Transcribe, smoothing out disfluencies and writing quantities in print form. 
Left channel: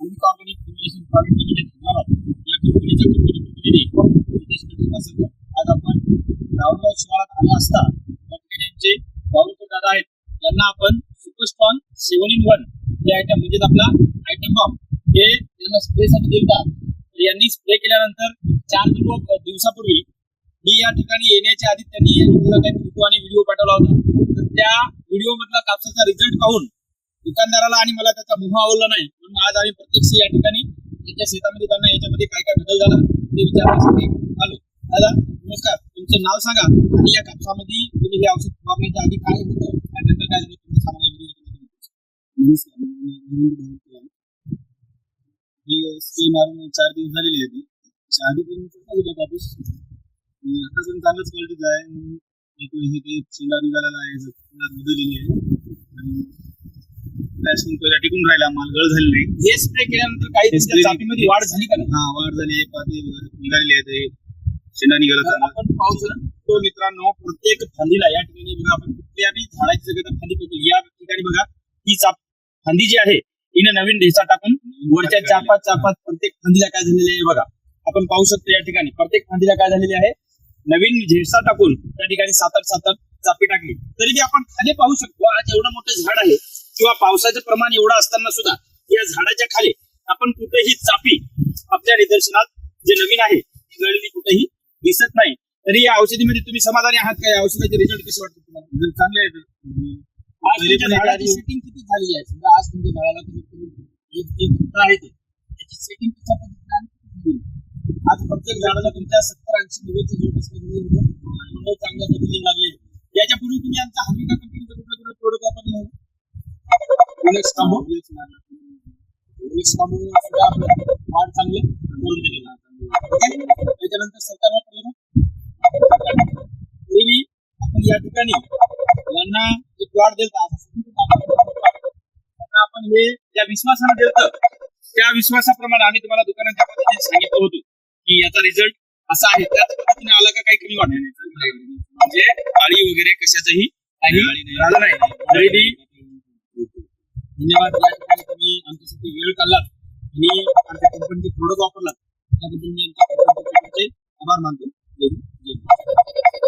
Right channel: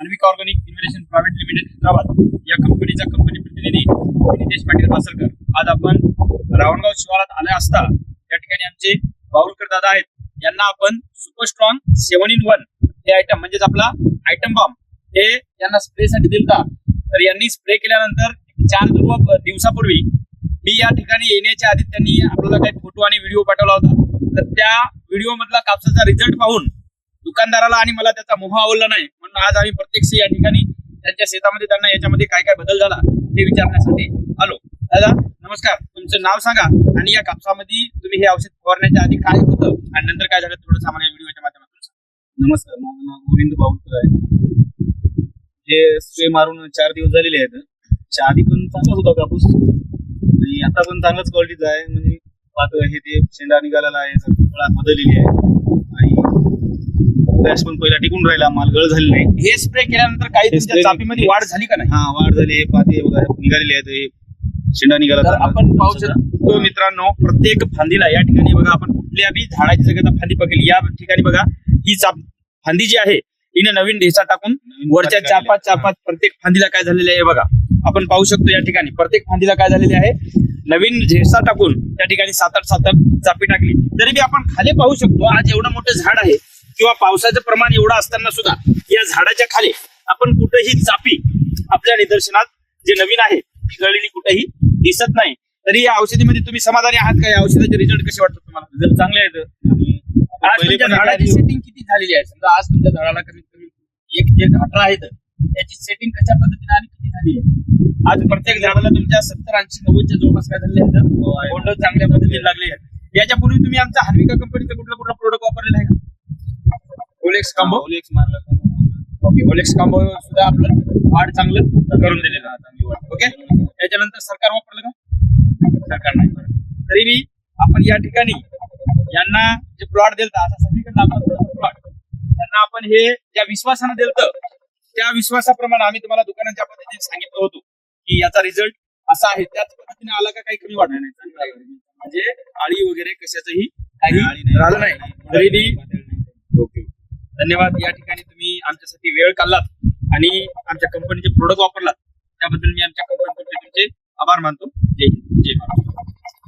Anvika organic investment private limited Hyderabad या कंपनीचा company प्रतिनिधी नितेश पाटील पासरकर. आज आपण रावणगाव शिवारात आले असता या ठिकाणी आमचे बावलकर दादा आहेत. यांना आपण सुपर स्ट्रॉंग 7-in-1 हे आयटम म्हणजेच आपला आयटम बॉम्ब हे यांना स्प्रेसाठी दिलता. तर यांनी स्प्रे केल्यानंतर 4 दिवसापूर्वी मी या ठिकाणी येण्याच्या आधी त्यांनी आपल्याला काही फोटो आणि व्हिडिओ पाठवला होता. तर त्या व्हिडिओ मधला कापसाचा रिझल्ट पाहून दुकानदाराला आणि मला त्याचा मोह आवडला नाही, म्हणून आज आम्ही प्रत्यक्ष या ठिकाणी त्यांच्या शेतामध्ये त्यांना याच्यामध्ये काय काय बदल झाला ते विचारण्यासाठी आलो. दादा नमस्कार, तुमचं नाव सांगा आणि या कापसामध्ये तुम्ही हे औषध फवारण्याच्या आधी काय होतं आणि नंतर काय झालं थोडंसं आम्हाला या व्हिडिओच्या माध्यमातून सांगा. नमस्कार, माझं नाव गोविंद बावलकर आहे. हे स्प्रे मारून 4 दिवस झालेले आहेत. त्याच्या आधी पण चांगलाच होता कापूस आणि आता पण चांगलाच क्वालिटीचा आहे. म्हणजे पातळ हे ते शेंडा निघालेला आहे, फळात बदललेली आहे आणि क्रॅश पण पहिला टिकून राहिला, माल गळ झाले नाही. हे स्प्रे केल्यानंतर काही तुमच्या चापीमध्ये वाढ झाली का नाही? हा, वाढ झाली. हे पाते बघा निघालेले आहेत, हे शेंडा निघाला. तर आपण पाहू शकतो मित्रांनो, प्रत्येक फांदीला या ठिकाणी बघा आपण कुठल्या बी झाडाची जगह फांदी पकडली, या ठिकाणी बघा ही फांदी जी आहे हिने नवीन ढेसा टाकून वरच्या 4-5 प्रत्येक फांदीला काय झालेले आहे बघा आपण पाहू शकतो. या ठिकाणी प्रत्येक फांदीला काय झालेले आहे नवीन ढेसा टाकून त्या ठिकाणी 7-8 चापी टाकली. तरी बी आपण खाली पाहू शकतो, आज एवढं मोठं झाड आहे किंवा पावसाचं प्रमाण एवढं असताना सुद्धा या झाडाच्या खाली आपण कुठेही चापी आपल्या निदर्शनात जे नवीन आहे गळलेली कुठेही दिसत नाही. तरी या औषधीमध्ये तुम्ही समाधानी आहात का? या औषधाचे रिझल्ट कसे वाटतात तुम्हाला? रिझल्ट चांगले आहेत. आज तुमच्या झाडाची सेटिंग किती झालेली आहे? समजा आज तुमच्या झाडाला कमीत कमी एक जे घाटरा आहेत त्याची सेटिंग कशा पद्धतीने आणि किती झाली आहे? आज प्रत्येक झाडाला तुमच्या 70-80-90च्या जवळपास काय झाले आहेत? बोंड चांगल्या पद्धतीने लागले आहेत. याच्यापूर्वी तुम्ही आमच्या अन्विका कंपनीचा कुठला प्रोडक्ट वापरलेला आहे का? ओलेक्स कांबो मारला. ओके, ओलेक्स कांबो सुद्धा आपलं वाढ चांगलं करून दिलेलं आहे, चांगली वाढ. ओके, त्याच्यानंतर सरकार वापरलं का? सरकार नाही. तरी बी आपण या ठिकाणी यांना जे प्लॉट दिलता आता सगळीकडे आपण प्लॉट त्यांना आपण हे ज्या विश्वासाने दिलतं त्या विश्वासाप्रमाणे आम्ही तुम्हाला दुकानाच्या पद्धतीने सांगितलं होतं की याचा रिझल्ट असा आहे, त्याच पद्धतीने आला का काही कमी वाटणार नाही, म्हणजे आळी वगैरे कशाचंही काही राहिलं नाही. तरी बी ओके, धन्यवाद. या ठिकाणी तुम्ही आमच्यासाठी वेळ काढलात आणि आमच्या कंपनीचे प्रोडक्ट वापरलात त्याबद्दल मी आमच्या कंपनीचे तुमचे आभार मानतो. जय हिंद, जय महाराष्ट्र.